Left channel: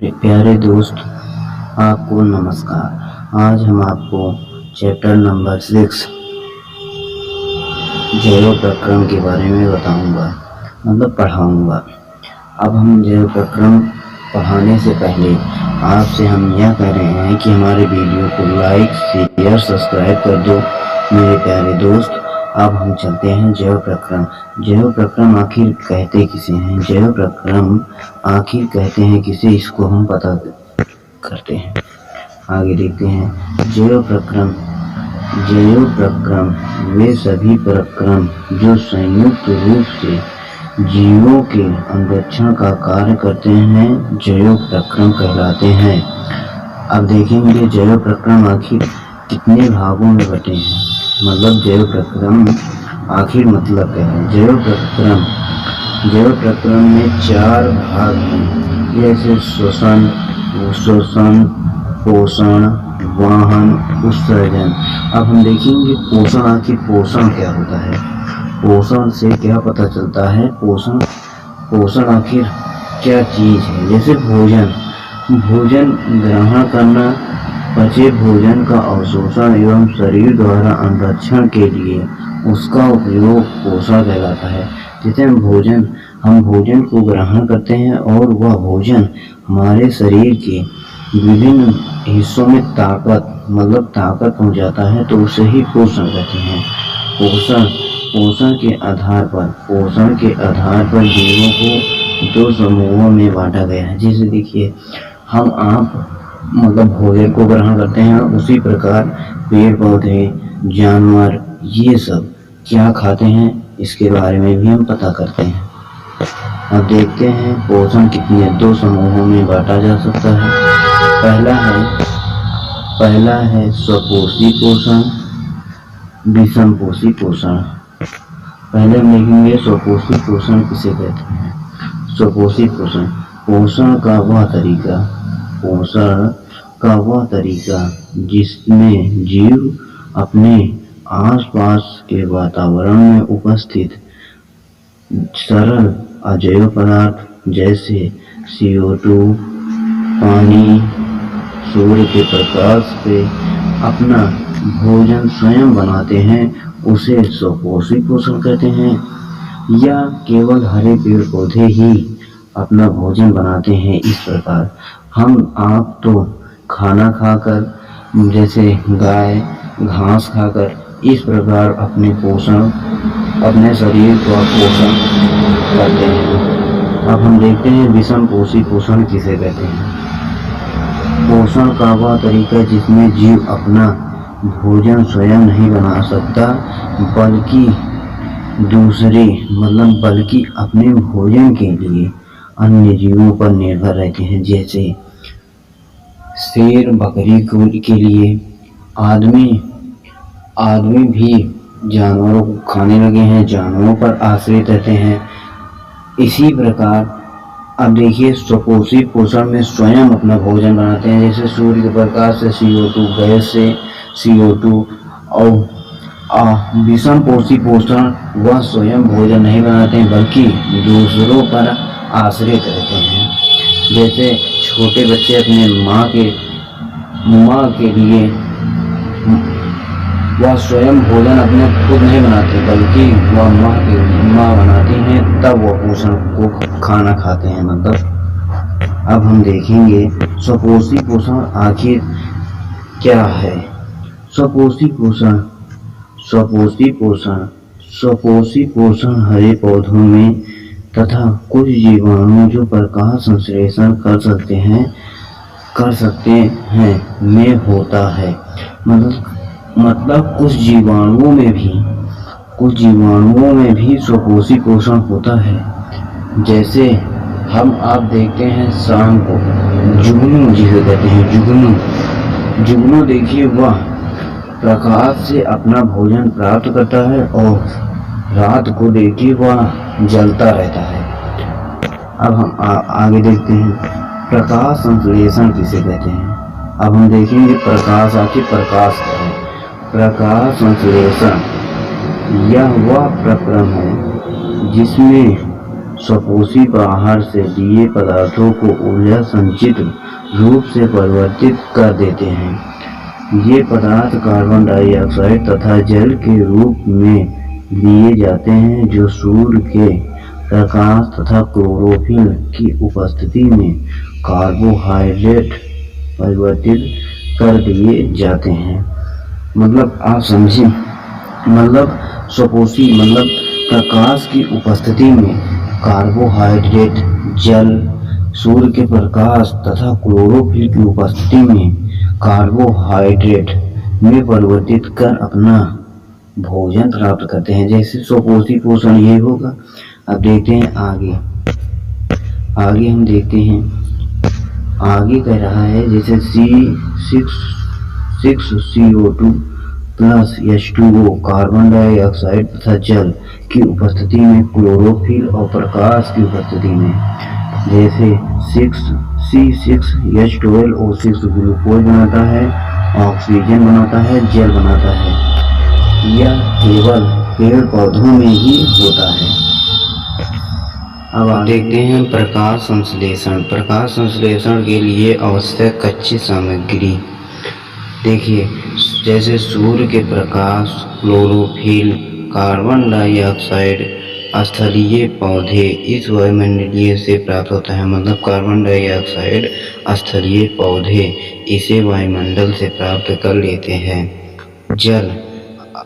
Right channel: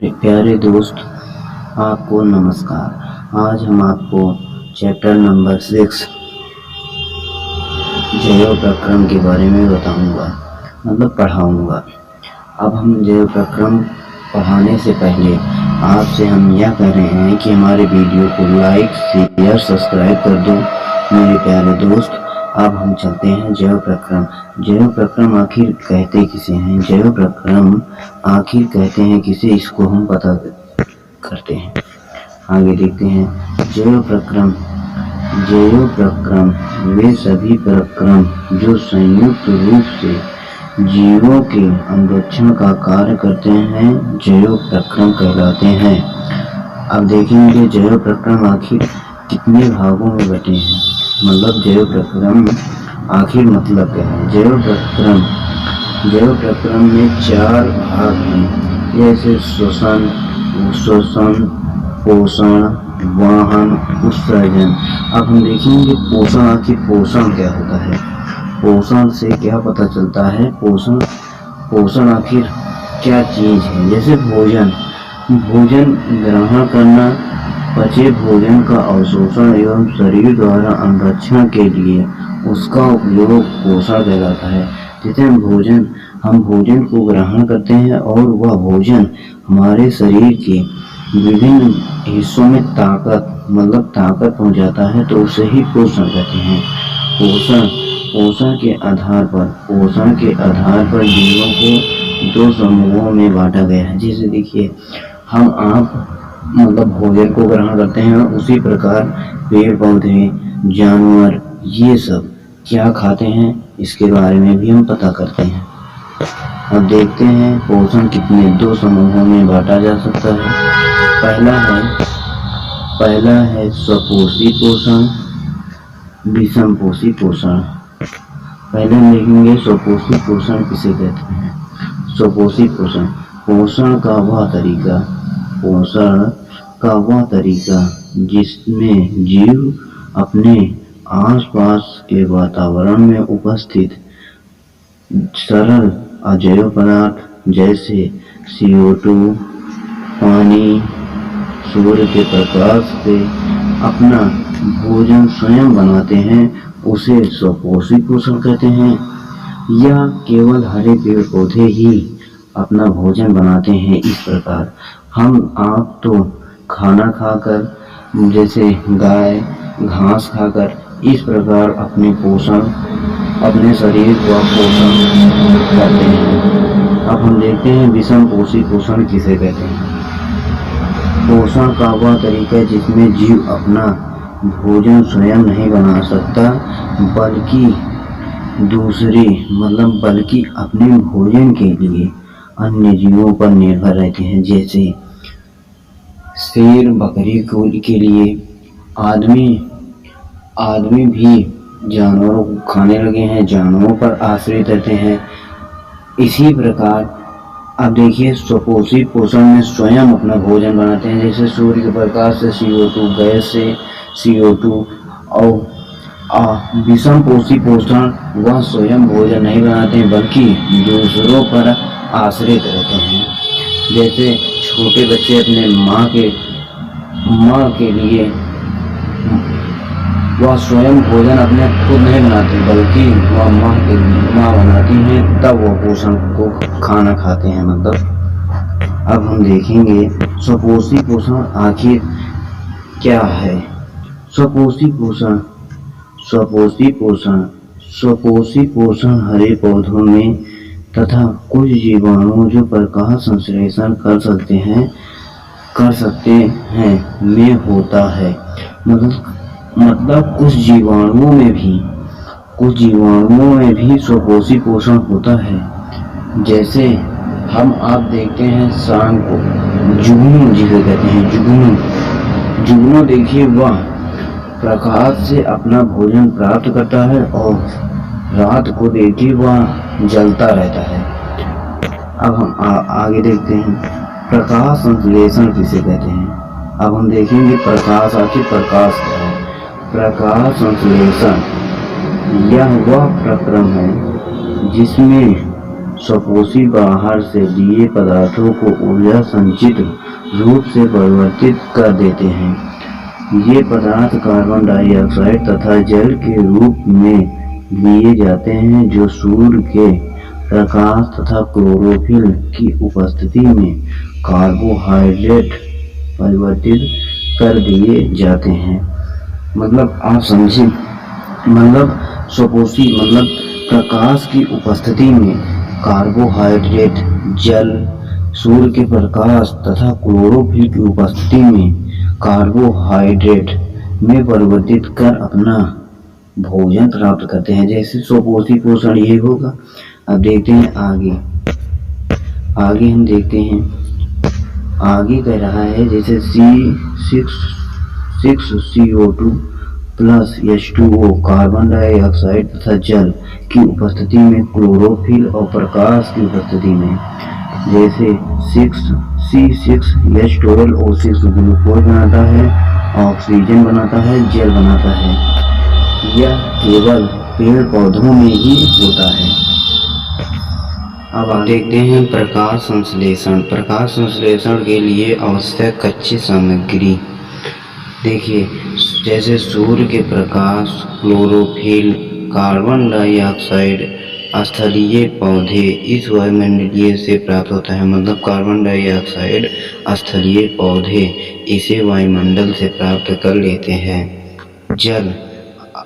प्यारे दोस्त, आपको नमस्कार। आज हम आपको चैप्टर नंबर 6 जैव प्रक्रम के बारे में बताऊंगा, मतलब पढ़ाऊंगा। अब हम जैव प्रक्रम पढ़ाने से पहले आपसे हम यह कह रहे हैं कि हमारे वीडियो को लाइक, शेयर, सब्सक्राइब कर दो मेरे प्यारे दोस्त। अब हम चलते हैं जैव प्रक्रम। जैव प्रक्रम आखिर कहते किसे हैं? जैव प्रक्रम आखिर कहते हैं किसे, इसको हम पता करते हैं। आगे देखते हैं। जैव प्रक्रम वे सभी प्रक्रम जो संयुक्त रूप से जीवों के अनुरक्षण का कार्य करते हैं, जैव प्रक्रम कहलाते हैं। अब देखेंगे जैव प्रक्रम आखिर कितने भागों में बटे हैं, मतलब जैव प्रक्रम आखिर मतलब क्या है। जैव प्रक्रम में 4 भाग हैं, जैसे श्वसन, पोषण, वाहन, उत्सर्जन। अब हम देखेंगे पोषण, आखिर पोषण क्या होता है। पोषण से क्या पता चलता है, पोषण आखिर क्या चीज है। जैसे भोजन ग्रहण करना, पचे भोजन का अवशोषण एवं शरीर द्वारा अनुरक्षण के लिए उसका उपयोग पोषण कहलाता है। जैसे हम भोजन को ग्रहण करते हैं और वह भोजन हमारे शरीर के विभिन्न हिस्सों में ताकत पहुंचाता है, तो उसे ही पोषण कहते हैं। पोषण के आधार पर जीवों को 2 समूहों में बांटा गया है। जैसे देखिए, आप भोजन को ग्रहण करते हैं, उसी प्रकार पेड़ पौधे, जानवर, ये सब क्या खाते हैं, इसके बारे में भी हम पता करते हैं। अब देखते हैं पोषण कितने 2 समूहों में बांटा जा सकता है। पहला है स्वपोषी पोषण, विषमपोषी पोषण। पहले हम देखेंगे स्वपोषी पोषण किसे कहते हैं। स्वपोषी पोषण का वह तरीका जिसमें जीव अपने आसपास के वातावरण में उपस्थित सरल अजैव पदार्थ जैसे CO2, पानी, सूर्य के प्रकाश से अपना भोजन स्वयं बनाते हैं, उसे स्वपोषी पोषण कहते हैं। या केवल हरे पेड़ पौधे ही अपना भोजन बनाते हैं। इस प्रकार आप तो खाना खाकर, जैसे गाय घास खाकर, इस प्रकार अपने शरीर का पोषण करते हैं। अब हम देखते हैं विषमपोषी पोषण किसे कहते हैं। पोषण का वह तरीका जिसमें जीव अपना भोजन स्वयं नहीं बना सकता, बल्कि अपने भोजन के लिए अन्य जीवों पर निर्भर रहते हैं। जैसे शेर बकरी के लिए आदमी भी जानवरों को खाने लगे हैं, जानवरों पर आश्रित रहते हैं। इसी प्रकार अब देखिए स्वपोषी पोषण में स्वयं अपना भोजन बनाते हैं। जैसे सूर्य के प्रकाश से CO2, गैस से CO2। और विषमपोषी पोषण वह स्वयं भोजन नहीं बनाते हैं, बल्कि दूसरों पर आश्रित रहते हैं। जैसे छोटे बच्चे अपने माँ के लिए वह स्वयं भोजन अपने खुद नहीं बनाते, बल्कि वह माँ बनाती हैं, तब वह पोषण को खाना खाते हैं। अब हम देखेंगे स्वपोषी पोषण आखिर क्या है। स्वपोषी पोषण हरे पौधों में तथा कुछ जीवाणु जो प्रकाश संश्लेषण कर सकते हैं में होता है। मतलब कुछ जीवाणुओं में भी स्वपोषी पोषण होता है। जैसे आप देखते हैं शाम को जुगनू जिसे कहते हैं, जुगनू देखिए, वह प्रकाश से अपना भोजन प्राप्त करता है और रात को देखिए वह जलता रहता है। अब हम आगे देखते हैं प्रकाश संश्लेषण किसे कहते हैं। अब हम देखेंगे प्रकाश क्या है। प्रकाश संश्लेषण यह वह प्रक्रम है जिसमें स्वपोषी बाहर से दिए पदार्थों को ऊर्जा संचित रूप से परिवर्तित कर देते हैं। ये पदार्थ कार्बन डाइऑक्साइड तथा जल के रूप में लिए जाते हैं, जो सूर्य के प्रकाश तथा क्लोरोफिल की उपस्थिति में कार्बोहाइड्रेट परिवर्तित कर दिए जाते हैं। मतलब आप समझे, मतलब स्वपोषी मतलब प्रकाश की उपस्थिति में कार्बोहाइड्रेट, जल, सूर्य के प्रकाश तथा क्लोरोफिल की उपस्थिति में कार्बोहाइड्रेट में परिवर्तित कर अपना भोजन प्राप्त करते हैं। जैसे स्वपोषी पोषण यही होगा। अब देखते हैं आगे हम देखते हैं आगे कह रहा है जैसे C6CO2 plus H2O carbon dioxide तथा जल की उपस्थिति में क्लोरोफिल और प्रकाश की उपस्थिति में, जैसे C6H12O6 ग्लूकोज बनाता है, ऑक्सीजन बनाता है, जल बनाता है। यह केवल पेड़ पौधों में ही होता है। अब आप देखते हैं प्रकाश संश्लेषण। प्रकाश संश्लेषण के लिए आवश्यक कच्ची सामग्री देखिए, जैसे सूर्य के प्रकाश, क्लोरोफिल, कार्बन डाइऑक्साइड, स्थलीय पौधे इस वायुमंडलीय से प्राप्त होता है। मतलब कार्बन डाइऑक्साइड, स्थलीय पौधे इसे वायुमंडल से प्राप्त कर लेते हैं। जल,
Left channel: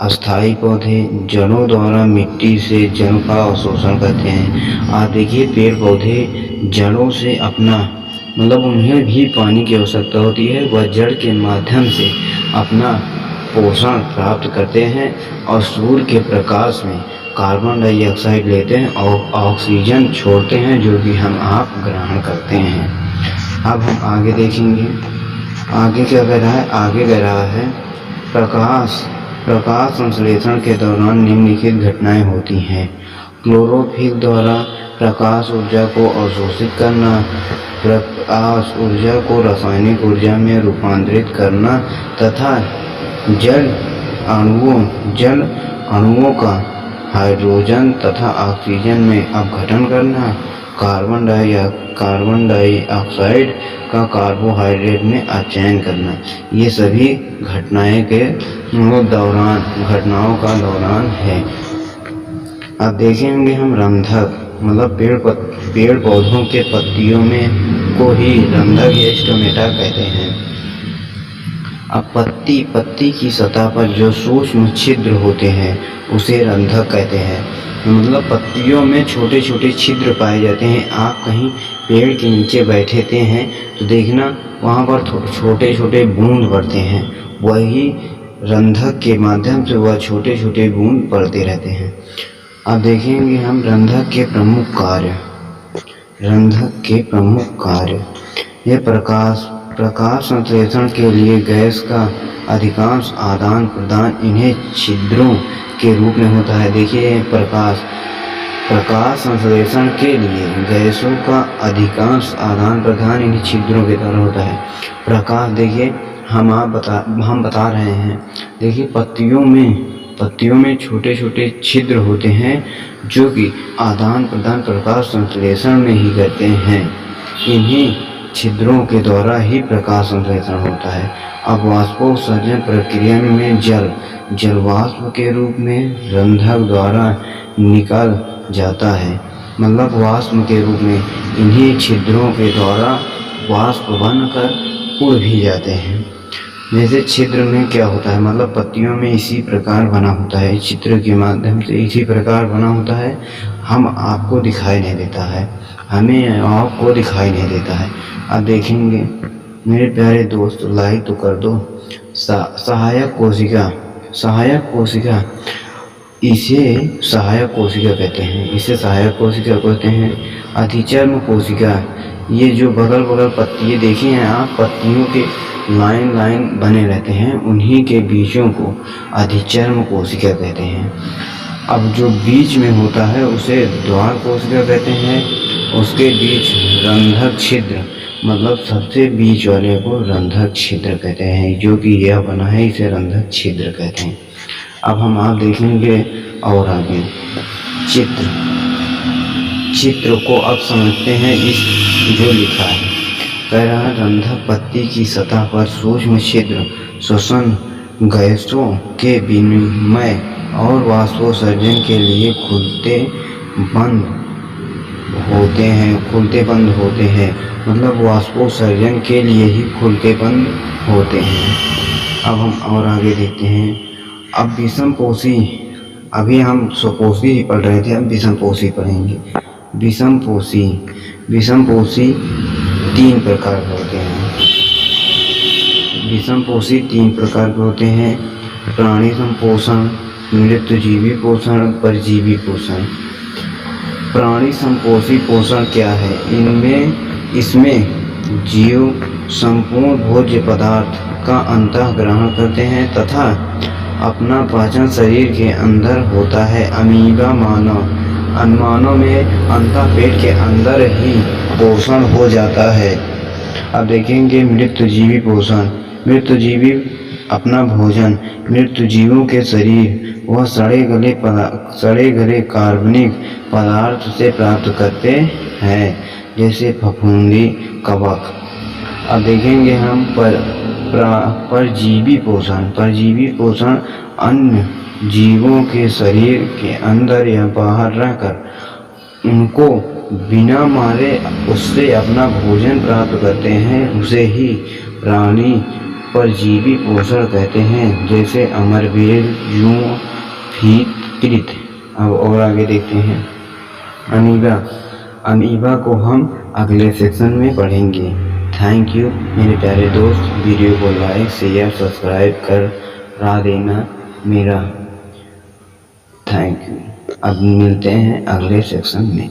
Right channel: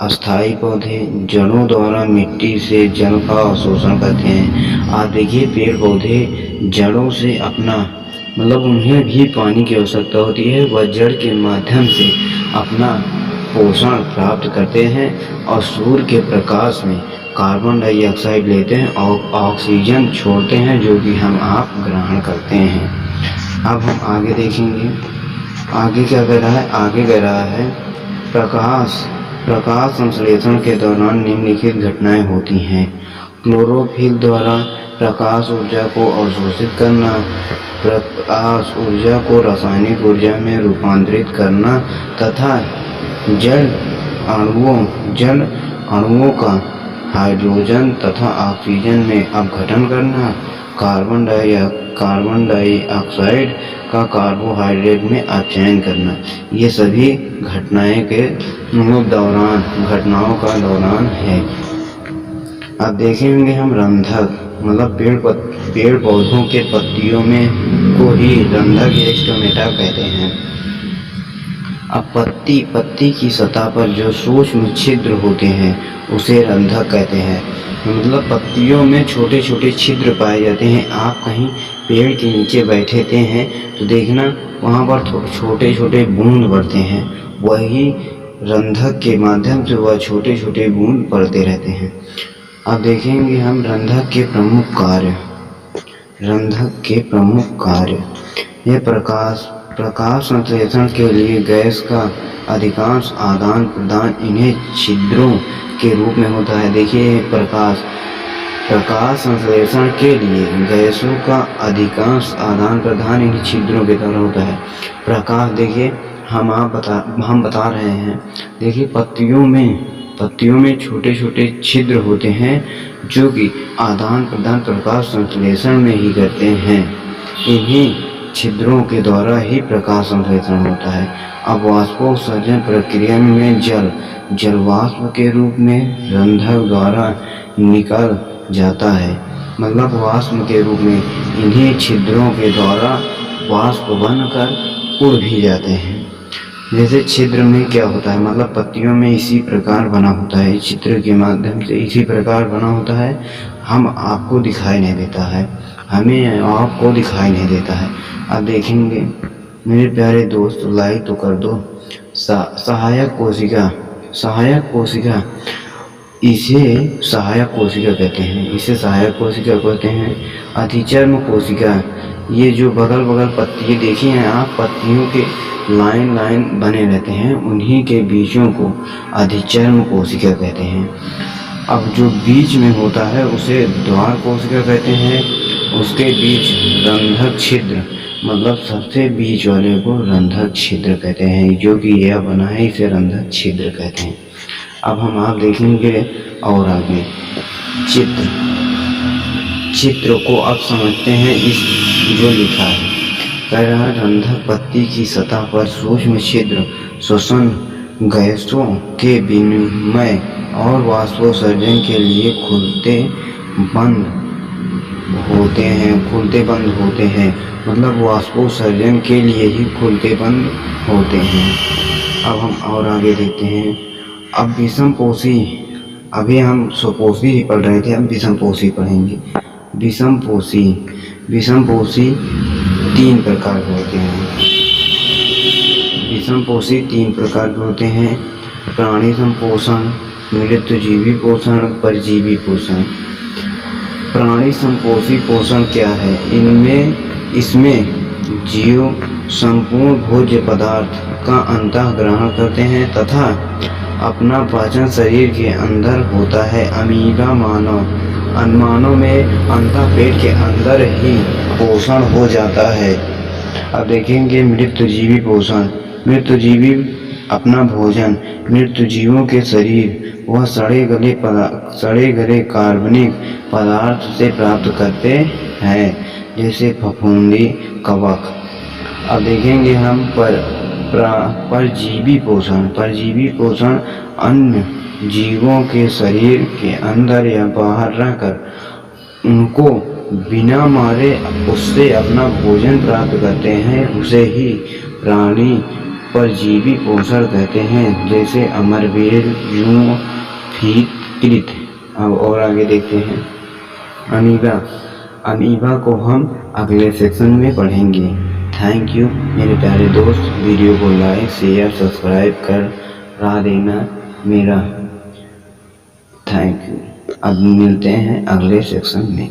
अस्थायी पौधे जड़ों द्वारा मिट्टी से जल का अवशोषण करते हैं। आप देखिए पेड़ पौधे जड़ों से अपना मतलब उन्हें भी पानी की आवश्यकता होती है, वह जड़ के माध्यम से अपना पोषण प्राप्त करते हैं और सूर्य के प्रकाश में कार्बन डाइऑक्साइड लेते हैं और ऑक्सीजन छोड़ते हैं, जो कि हम आप ग्रहण करते हैं। अब हम आगे देखेंगे आगे क्या कह रहा है। आगे कह रहा है प्रकाश संश्लेषण के दौरान निम्नलिखित घटनाएं होती हैं। क्लोरोफिल द्वारा प्रकाश ऊर्जा को अवशोषित करना, प्रकाश ऊर्जा को रासायनिक ऊर्जा में रूपांतरित करना तथा जल अणुओं का हाइड्रोजन तथा ऑक्सीजन में अपघटन करना, कार्बन डाइऑक्साइड का कार्बोहाइड्रेट में अपचयन करना, ये सभी घटनाओं का दौरान है। अब देखेंगे हम रंधक मतलब पेड़ पौधों के पत्तियों में को ही रंधक या स्टोमेटा कहते हैं। अब पत्ती की सतह पर जो सूक्ष्म छिद्र होते हैं उसे रंधक कहते हैं। मतलब पत्तियों में छोटे छोटे छिद्र पाए जाते हैं। आप कहीं पेड़ के नीचे बैठे हैं तो देखना वहाँ पर छोटे छोटे बूंद पड़ते हैं, वही रंधक के माध्यम से वह छोटे छोटे बूंद पड़ते रहते हैं। अब देखेंगे हम रंधक के प्रमुख कार्य। ये प्रकाश संश्लेषण के लिए गैस का अधिकांश आदान प्रदान इन्हें छिद्रों के रूप में होता है। देखिए प्रकाश संश्लेषण के लिए गैसों का अधिकांश आदान प्रदान इन्हीं छिद्रों के द्वारा होता है। प्रकाश देखिए हम बता रहे हैं। देखिए पत्तियों में छोटे छोटे छिद्र होते हैं जो कि आदान प्रदान प्रकाश संश्लेषण में ही करते हैं। इन्हीं छिद्रों के द्वारा ही प्रकाश संश्लेषण होता है। अब वाष्पोत्सर्जन प्रक्रिया में जल वाष्प के रूप में रंधक द्वारा निकल जाता है। मतलब वाष्प के रूप में इन्हीं छिद्रों के द्वारा वाष्प बनकर उड़ भी जाते हैं। जैसे छिद्र में क्या होता है, मतलब पत्तियों में इसी प्रकार बना होता है, छिद्र के माध्यम से इसी प्रकार बना होता है। हमें आपको दिखाई नहीं देता है। अब देखेंगे मेरे प्यारे दोस्त, लाइक तो कर दो। सहायक कोशिका इसे सहायक कोशिका कहते हैं। अधिचर्म कोशिका, ये जो बगल पत्तियाँ देखे हैं आप, पत्तियों के लाइन बने रहते हैं, उन्हीं के बीजों को अधिचर्म कोशिका कहते हैं। अब जो बीच में होता है उसे द्वार कोशिका कहते हैं। उसके बीच रंधक छिद्र, मतलब सबसे बीच वाले को रंधक छिद्र कहते हैं। जो कि यह बना है इसे रंधक छिद्र कहते हैं। अब हम आप देखेंगे और आगे चित्र को अब समझते हैं इस जो लिखा है। कह रहा है रंध्र पत्ती की सतह पर सूक्ष्म छिद्र श्वसन गैसों के विनिमय और वाष्पोत्सर्जन के लिए खुलते बंद होते हैं, मतलब वाष्पोत्सर्जन के लिए ही खुलते बंद होते हैं। अब हम और आगे देखते हैं। अब विषमपोषी, अभी हम स्वपोषी ही पढ़ रहे थे, अब विषमपोषी पढ़ेंगे। विषमपोषी तीन प्रकार के होते हैं। विषमपोषी तीन प्रकार के होते हैं: प्राणी संपोषण, मृतजीवी पोषण, परजीवी पोषण। प्राणी संपोषी पोषण क्या है? इसमें जीव संपूर्ण भोज्य पदार्थ का अंतः ग्रहण करते हैं तथा अपना पाचन शरीर के अंदर होता है। अमीबा मानव में अंतः पेट के अंदर ही पोषण हो जाता है। अब देखेंगे मृतजीवी पोषण। मृतजीवी अपना भोजन मृतजीवों के शरीर व सड़े गले कार्बनिक पदार्थ से प्राप्त करते हैं, जैसे फफूंदी, कवक। अब देखेंगे हम परजीवी पोषण। परजीवी पोषण अन्य जीवों के शरीर के अंदर या बाहर रहकर उनको बिना मारे उससे अपना भोजन प्राप्त करते हैं, उसे ही प्राणी परजीवी पोषण कहते हैं, जैसे अमरबेल, जूं, फीत। अब और आगे देखते हैं अमीबा को हम अगले सेक्शन में पढ़ेंगे। थैंक यू मेरे प्यारे दोस्त। वीडियो को लाइक, शेयर, सब्सक्राइब कर देना मेरा। Thank you. अब मिलते हैं अगले सेक्शन में।